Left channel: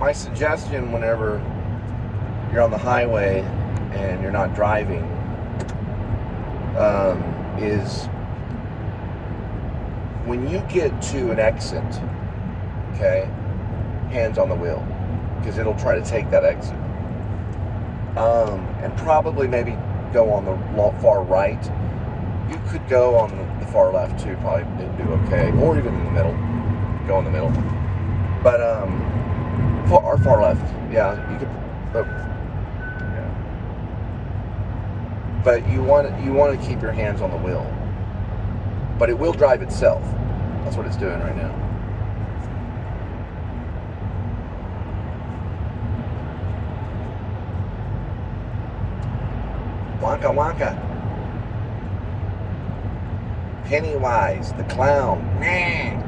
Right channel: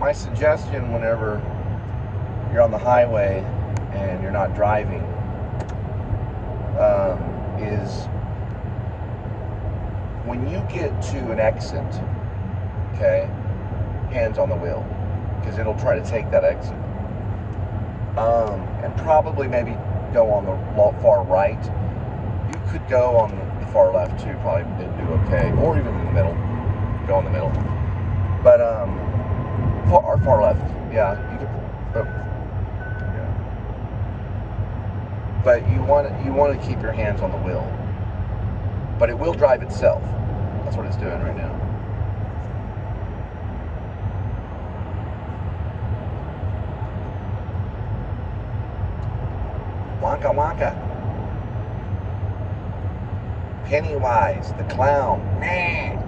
my suggestion whenever you're on the highway and you're not driving is when you get to an exit, okay, hands on the wheel, because it'll try to take that exit. And probably maybe go on the far right. You could go on the far left too, probably do okay, or even in the middle. Go in the middle, but far left, yeah, you could. Yeah. But you want to keep your hands on the wheel, but it will drive itself. That's what it's doing right now. Wonka Wonka. Pennywise, the clown. Man.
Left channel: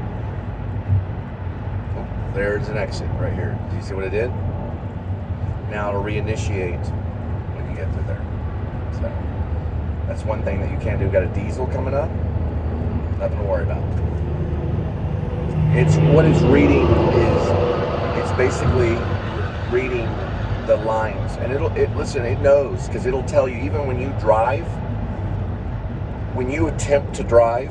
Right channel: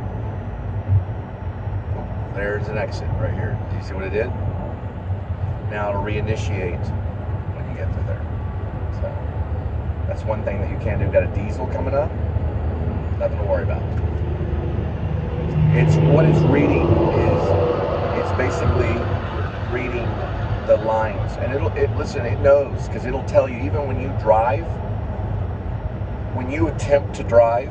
Oh, there's an exit right here. Do you see what it did? Now it'll reinitiate when you get through there. So that's one thing that you can do. We've got a diesel coming up. Nothing to worry about. It's what it's reading is it's basically reading the lines, and listen, it knows, because it'll tell you even when you drive, when you attempt to drive,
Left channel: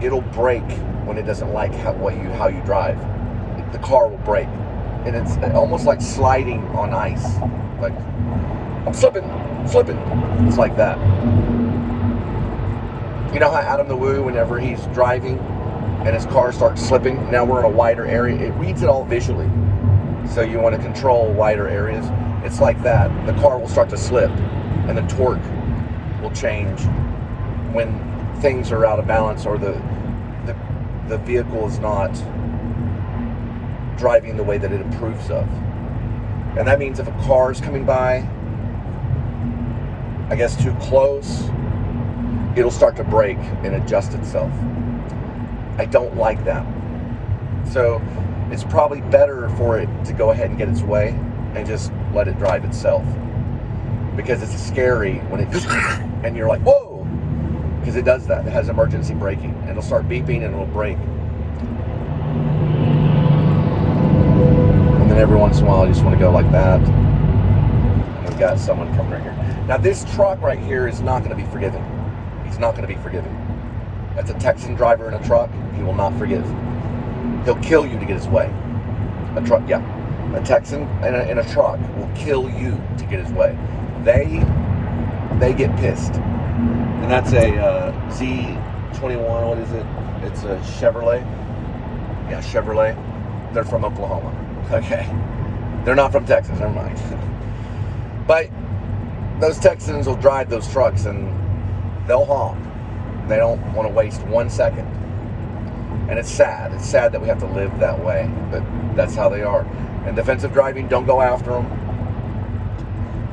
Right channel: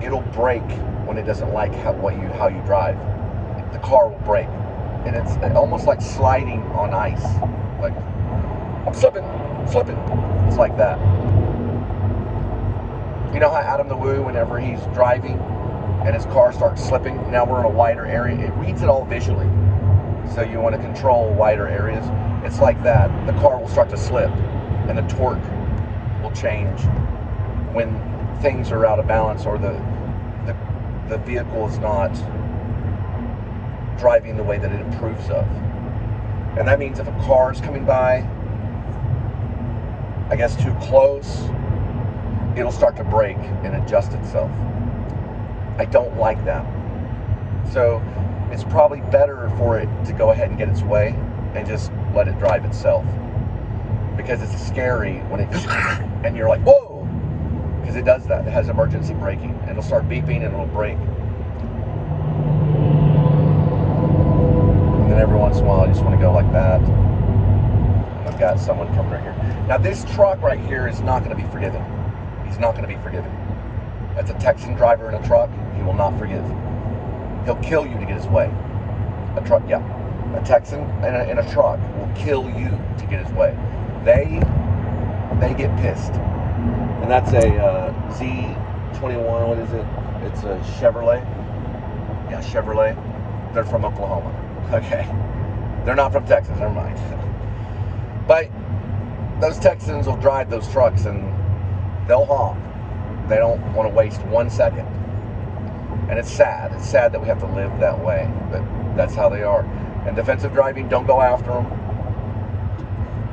it'll brake when it doesn't like how you drive. The car will brake, and it's almost like sliding on ice. Like, I'm slipping. It's like that. You know how Adam the Woo, whenever he's driving and his car starts slipping, now we're in a wider area, it reads it all visually. So you want to control wider areas. It's like that. The car will start to slip, and the torque will change when things are out of balance, or the vehicle is not driving the way that it approves of. And that means if a car is coming by, I guess too close, it'll start to brake and adjust itself. I don't like that. So it's probably better for it to go ahead and get its way and just let it drive itself. Because it's scary when it and you're like, whoa! Because it does that. It has emergency braking. And it'll start beeping and it'll brake. And then every once in a while you just want to go like that. I've got someone coming right here. Now this truck right here is not going to be forgiving. He's not going to be forgiving. That's a Texan driver in a truck. He will not forgive. He'll kill you to get his way. A truck, yeah. A Texan in a truck will kill you to get his way. They get pissed. And that's a Z21, what is it? It's a Chevrolet. Yeah, Chevrolet. They're from Oklahoma. Okay. They're not from Texas, never mind. But those Texans will drive those trucks and they'll honk. They don't want to waste 1 second. And it's sad. It's sad that we have to live that way, but that's how they are. And defensive driving, don't go after them.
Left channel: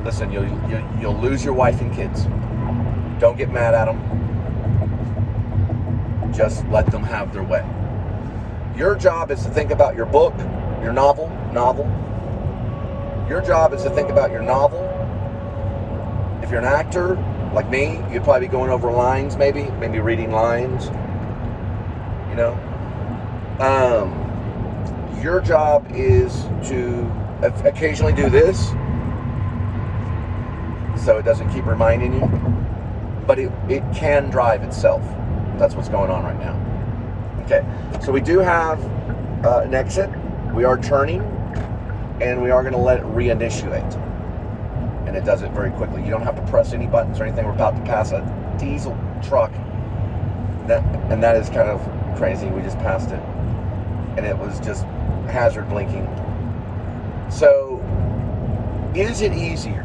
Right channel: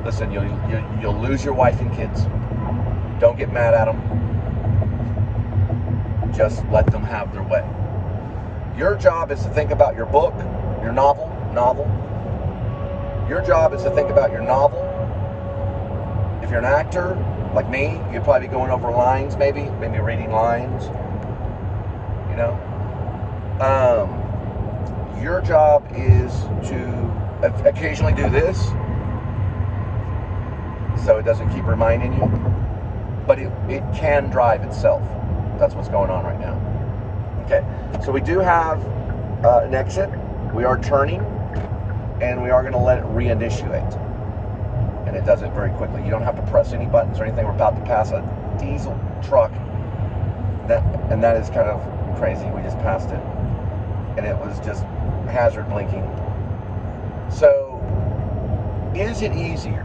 Listen, you'll lose your wife and kids. Don't get mad at them. Just let them have their way. Your job is to think about your book, your novel. Your job is to think about your novel. If you're an actor, like me, you'd probably be going over lines, maybe reading lines. You know? Your job is to occasionally do this, so it doesn't keep reminding you, but it can drive itself. That's what's going on right now. Okay, so we do have an exit. We are turning, and we are going to let it reinitiate. And it does it very quickly. You don't have to press any buttons or anything. We're about to pass a diesel truck. And that is kind of crazy. We just passed it. And it was just hazard blinking. So, is it easier?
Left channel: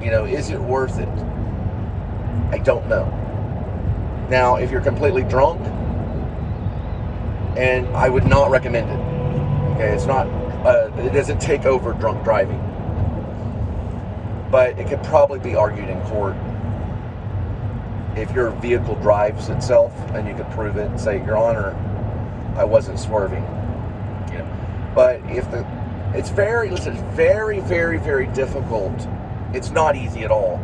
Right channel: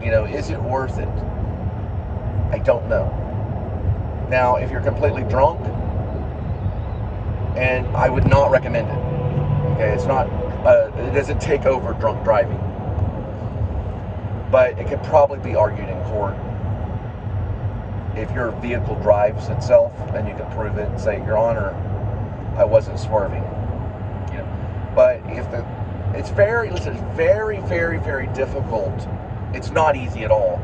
You know, is it worth it? I don't know. Now, if you're completely drunk, and I would not recommend it. Okay, it's not, it doesn't take over drunk driving. But it could probably be argued in court if your vehicle drives itself and you could prove it and say, Your Honor, I wasn't swerving. You know, but it's very, very difficult. It's not easy at all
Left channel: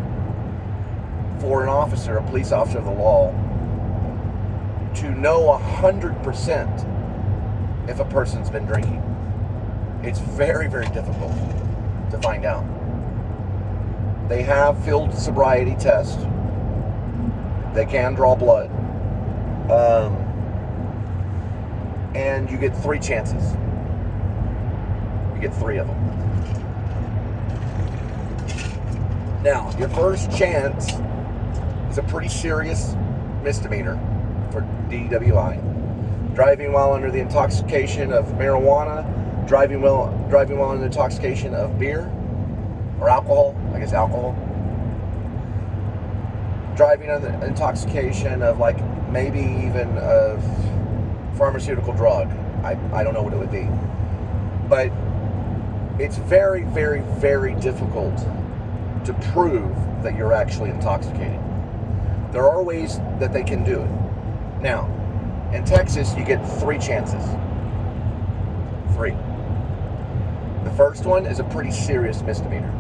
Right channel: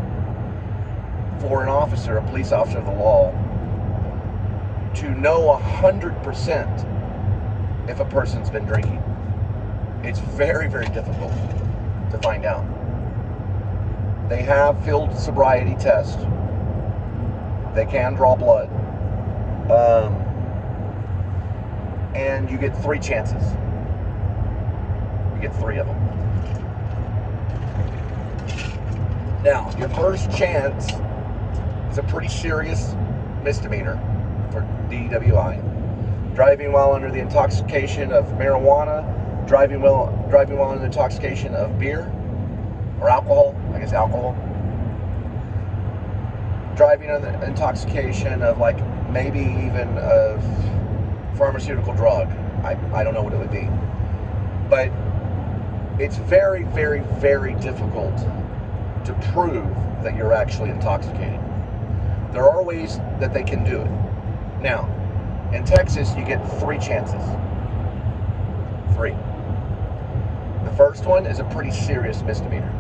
for an officer, a police officer of the law, to know 100% if a person's been drinking. It's very, very difficult to find out. They have field sobriety tests. They can draw blood. And you get 3 chances. You get 3 of them. Now, your first chance is a pretty serious misdemeanor for DWI. Driving while under the intoxication of marijuana, driving while under the intoxication of beer or alcohol, I guess alcohol. Driving under the intoxication of like maybe even a pharmaceutical drug. I don't know what it would be. But it's very, very, very difficult to prove that you're actually intoxicated. There are ways that they can do it. Now, in Texas, you get 3 chances. 3. The first one is a pretty serious misdemeanor.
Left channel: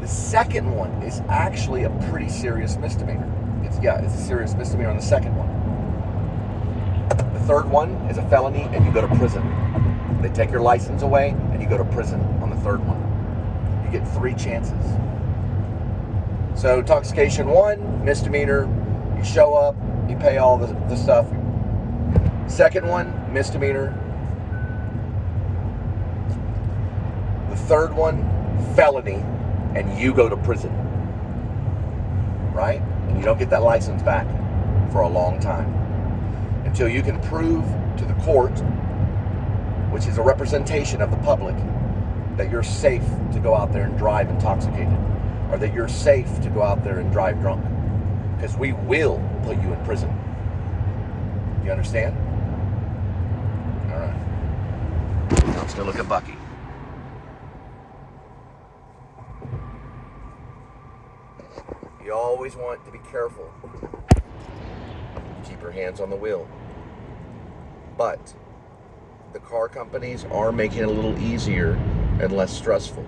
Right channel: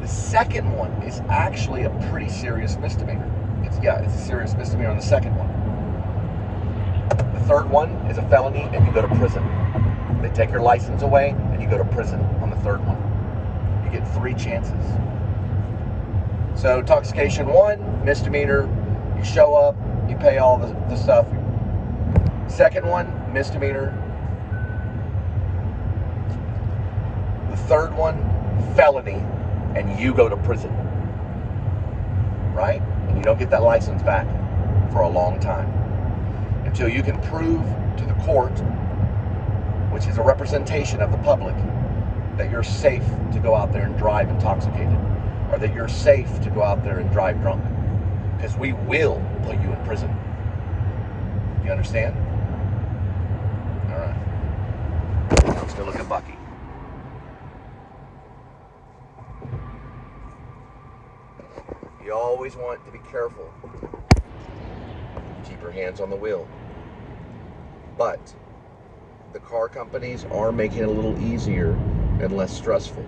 The second one is actually a pretty serious misdemeanor. It's a serious misdemeanor on the second one. The third one is a felony and you go to prison. They take your license away and you go to prison on the third one. You get 3 chances. So intoxication 1, misdemeanor, you show up, you pay all the stuff. Second one, misdemeanor. The third one, felony, and you go to prison. Right? And you don't get that license back for a long time. Until you can prove to the court, which is a representation of the public, that you're safe to go out there and drive intoxicated. Or that you're safe to go out there and drive drunk. Because we will put you in prison. You understand? Alright. Let's go look at Bucky. You always want to be careful. Keep your hands on the wheel. But the car companies are making it a little easier and less stressful.